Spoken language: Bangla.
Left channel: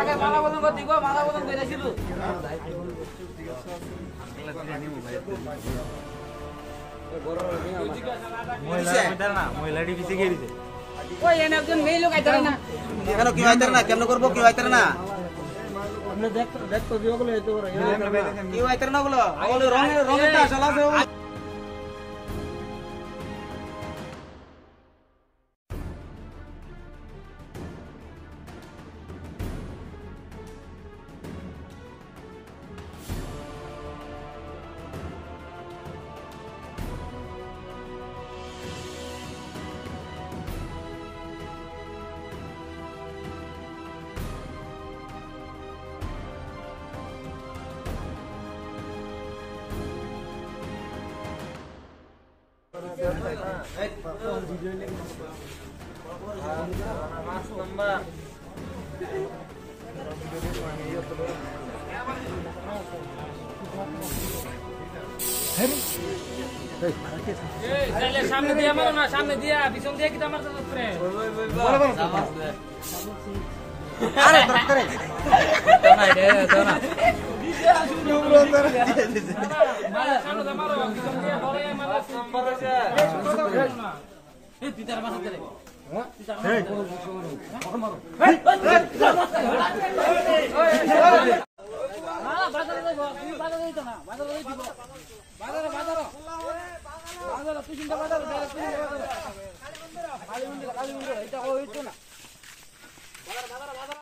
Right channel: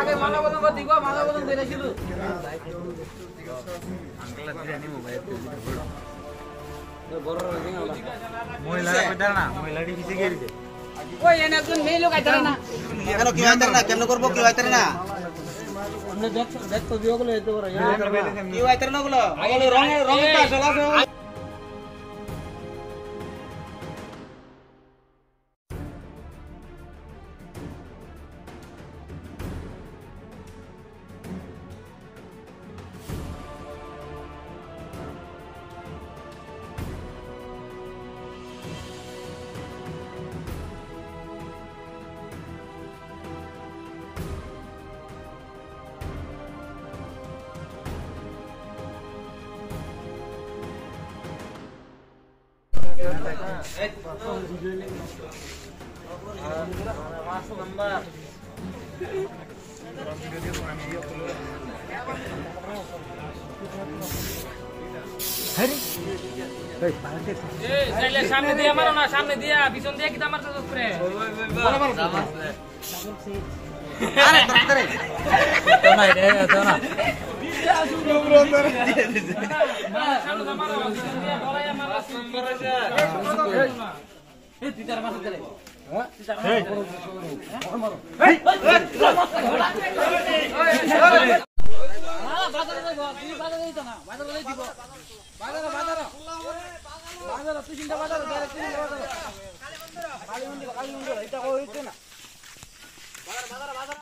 আগে মালা বদল করতে গো মালা বদল কইরা ছিল মহিলা কইতা না মহিলাটি কিছু গেরিছে ওই এনে একজন মেয়ে লোক আইতার না কেন কি আইতার না কেমন করব কি আইতার না আপনি দেখো দিও গুলো এত বড় কি আইতার না গুলো ওগুলো রঙটা চলাছে সামনে দিয়া মারো না সামনে দিয়া পিছন দিয়া কিটা মারতে উপরে আরে ধরে তো না রে তো না বাজার